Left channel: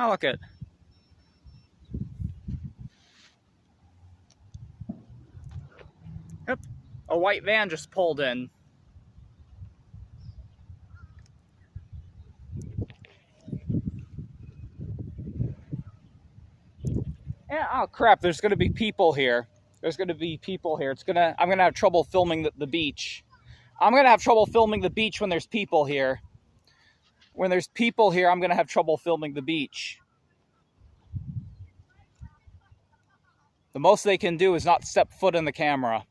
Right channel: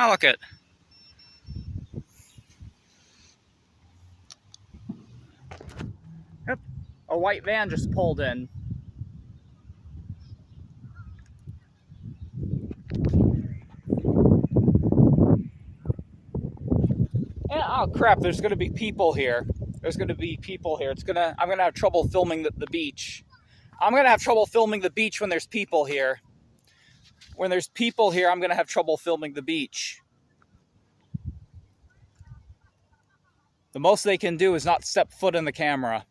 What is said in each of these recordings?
Oh, look it. Yep. A white van just pulled in. And, oh crap, there's gonna be people here. There's gonna be people here. I'm gonna have trouble filming the beach. I'm gonna have trouble filming the beach when there's people here. When there's people here, I'm gonna have trouble filming the beach. The most they can do is not step foot in the camera.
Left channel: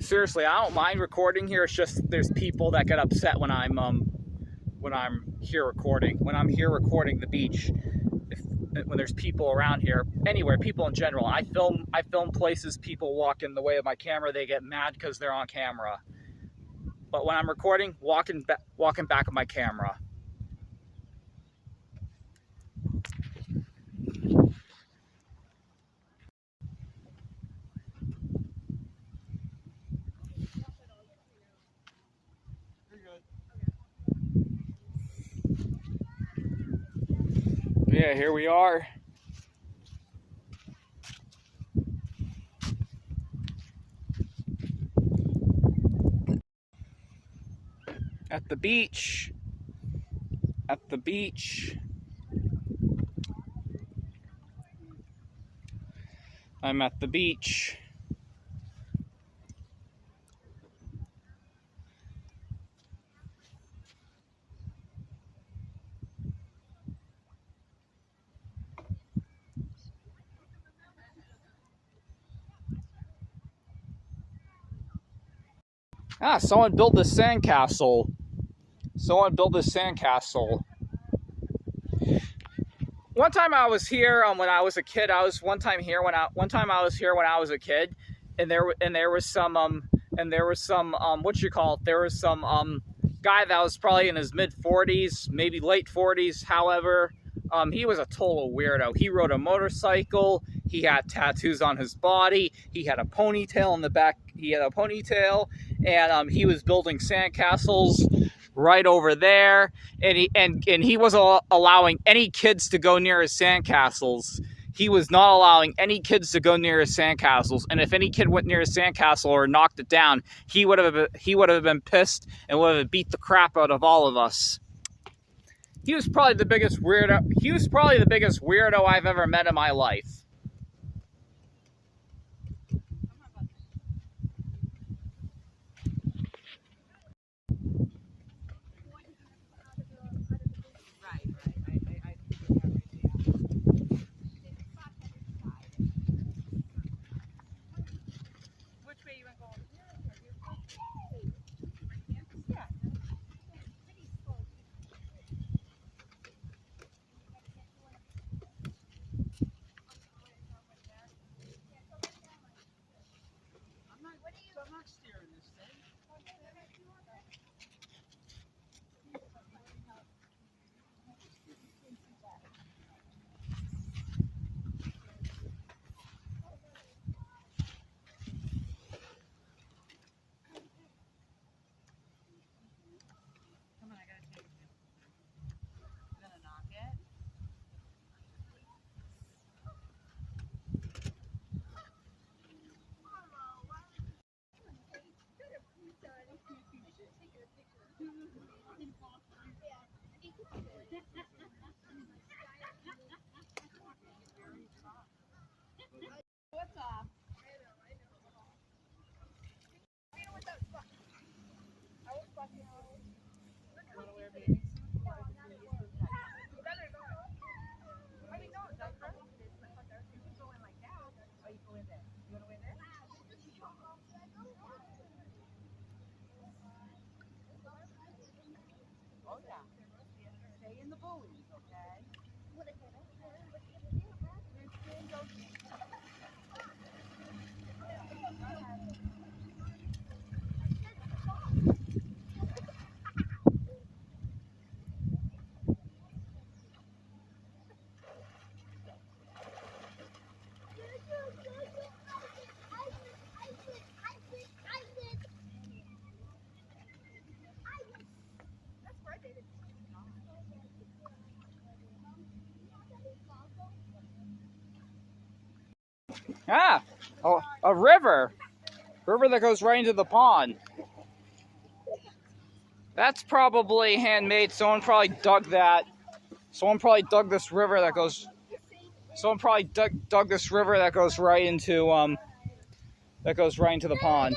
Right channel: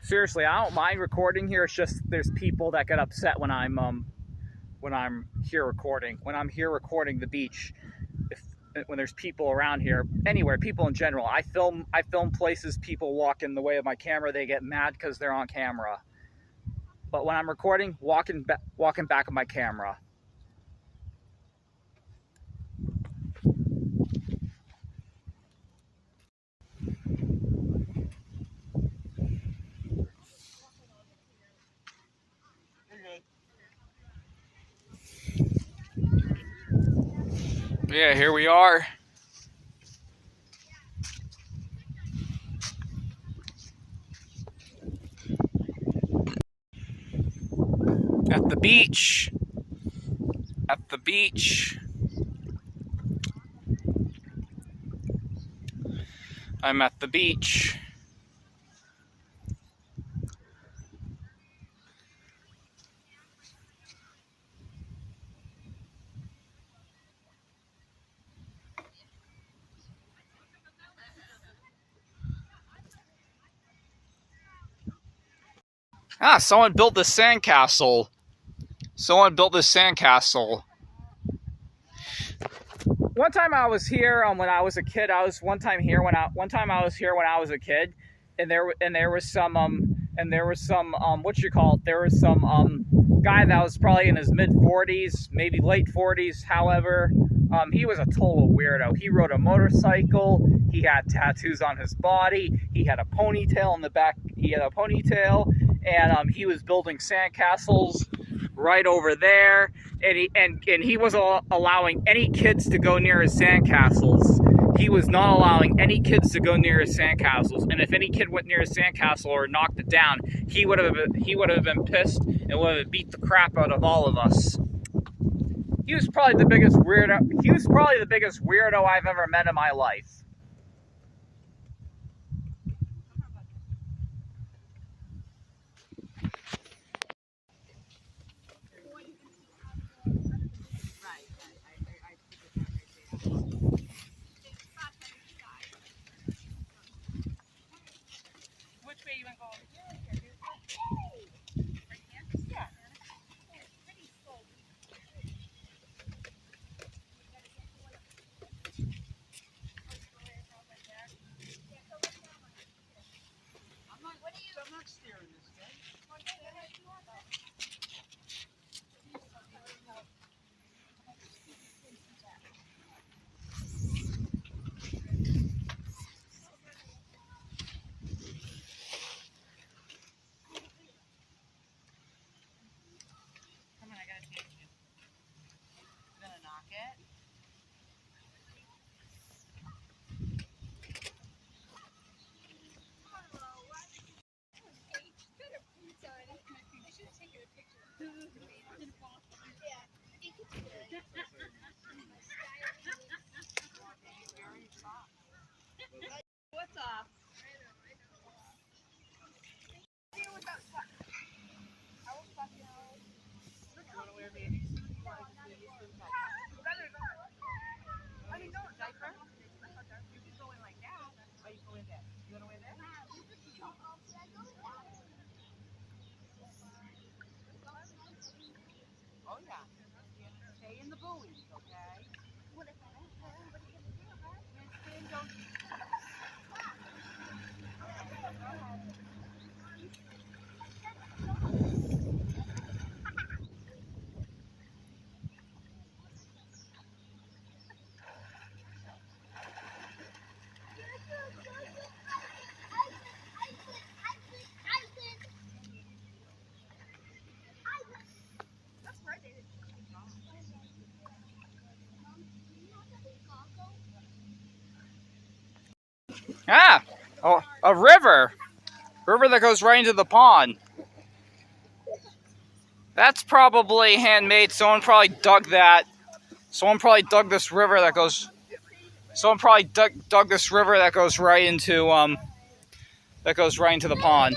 Seriously, I don't mind recording here. It's just there's people that get upset when I'm here recording. When I'm here recording the beach, when there's people around here, anywhere, people in general. I film places, people walk in the way of my camera, they get mad because they're on camera. But when I'm recording, walking back of my camera. Yeah, here we are. At the beach. At the beach. I'm at the beach. Ah, someone built this sandcastle. Someone built this sandcastle. One time I was here when I was a kid. One time I was here when I was a kid, and there was some guy that was probably in his mid-40s, maybe late 40s. However, he was a total weirdo. He rode a motorcycle. He had tattoos on his body. He had a ponytail in the back. He had a ponytail, and he was building sandcastles right over there, and he wasn't allowing any kids to go near his sandcastles. He was not allowing any kids to go near his sandcastles, and if any kid went near his sandcastle or knocked it down, he would have been pissed and would have beat the crap out of all of us. He was probably the biggest weirdo. He was probably the biggest weirdo I've ever met in my life. Ah, oh, a river. River that goes right into the pond. That's probably handmade. Someone probably dug that. Someone probably dug this river that goes. Someone probably dug this river that goes right into the pond.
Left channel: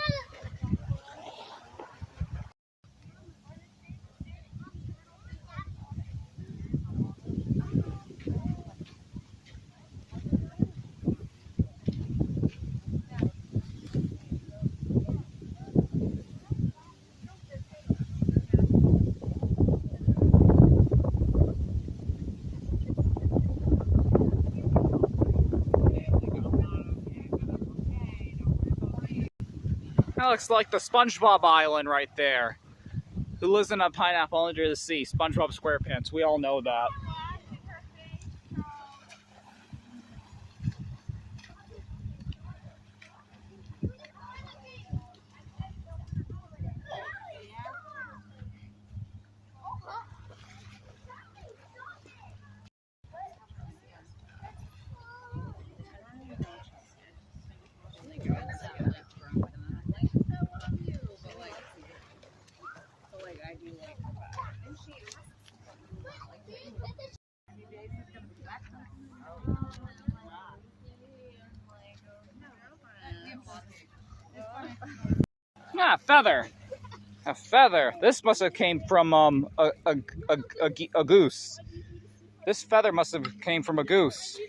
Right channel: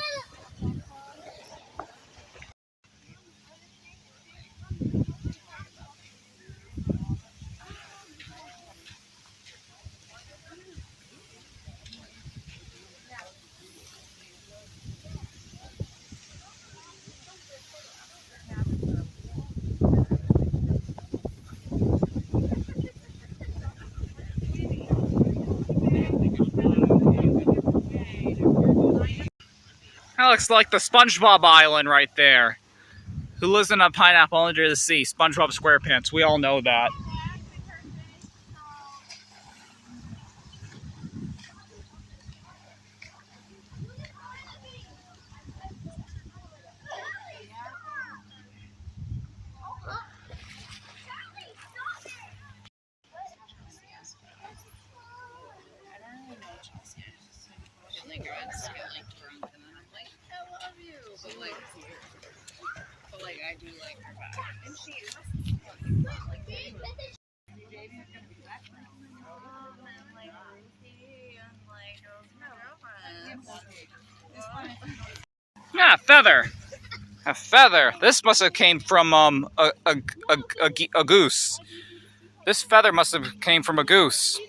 That looks like the SpongeBob Island right there. Who lives in a pineapple under the sea? SpongeBob SquarePants. We all know that. Yeah, feather. A feather. This must have came from a goose. This feather must have came from a goose.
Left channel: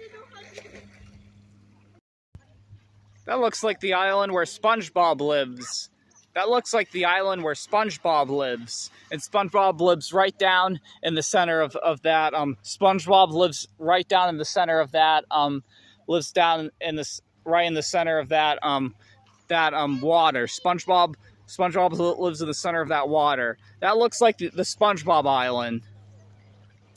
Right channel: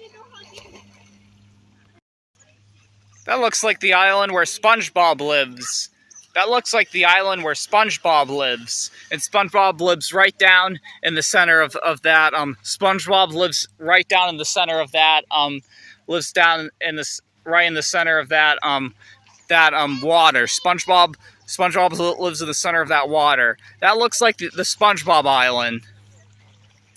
That looks like the island where SpongeBob lives. That looks like the island where SpongeBob lives. And SpongeBob lives right down in the center of that. SpongeBob lives right down in the center of that. Lives down in this right in the center of that water. SpongeBob lives in the center of that water. That looks like the SpongeBob Island.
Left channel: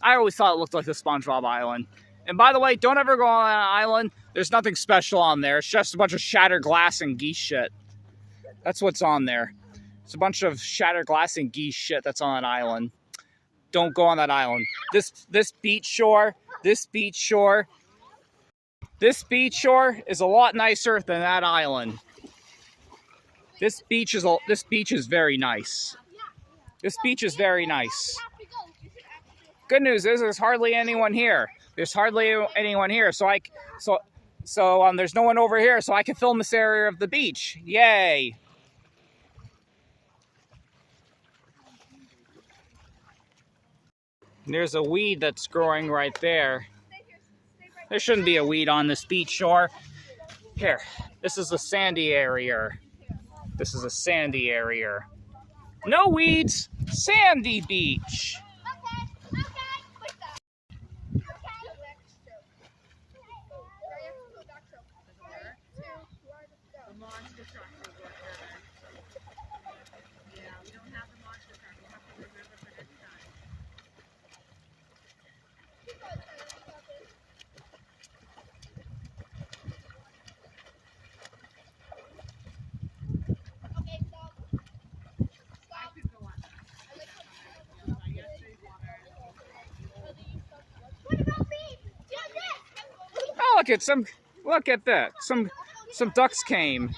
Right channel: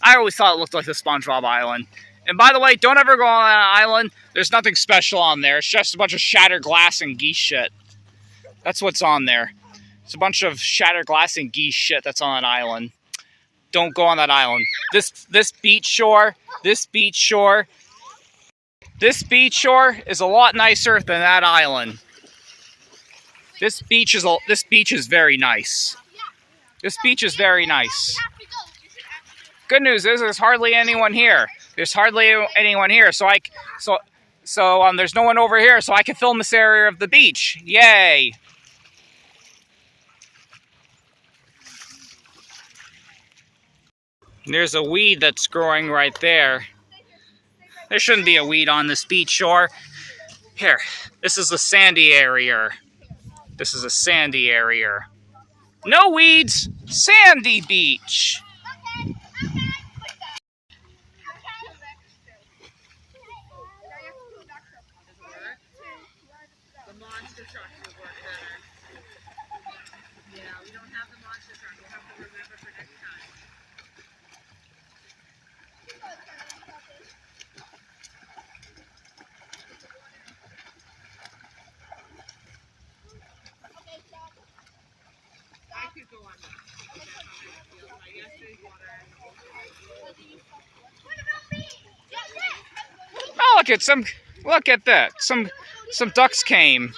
I always thought it looked like the SpongeBob Island. And by the way, don't ever go on that island. There's nothing special on there. It's just a bunch of shattered glass and geese shit. That's what's on there. It's a bunch of shattered glass and geese shit that's on an island. Don't go on that island. This beach shore is a lot nicer than that island. This beach is very nice. This beach is very nice. Good news is there's hardly anyone here. There's hardly anyone here, so there's no one over here, so I can film this area of the beach. Yay! There's a weed that's growing right there. There shouldn't be a weed on this beach shore. Here, this is a sandy area. This is a sandy area. No weeds, sandy beach. Oh, look at that. Some ducks came.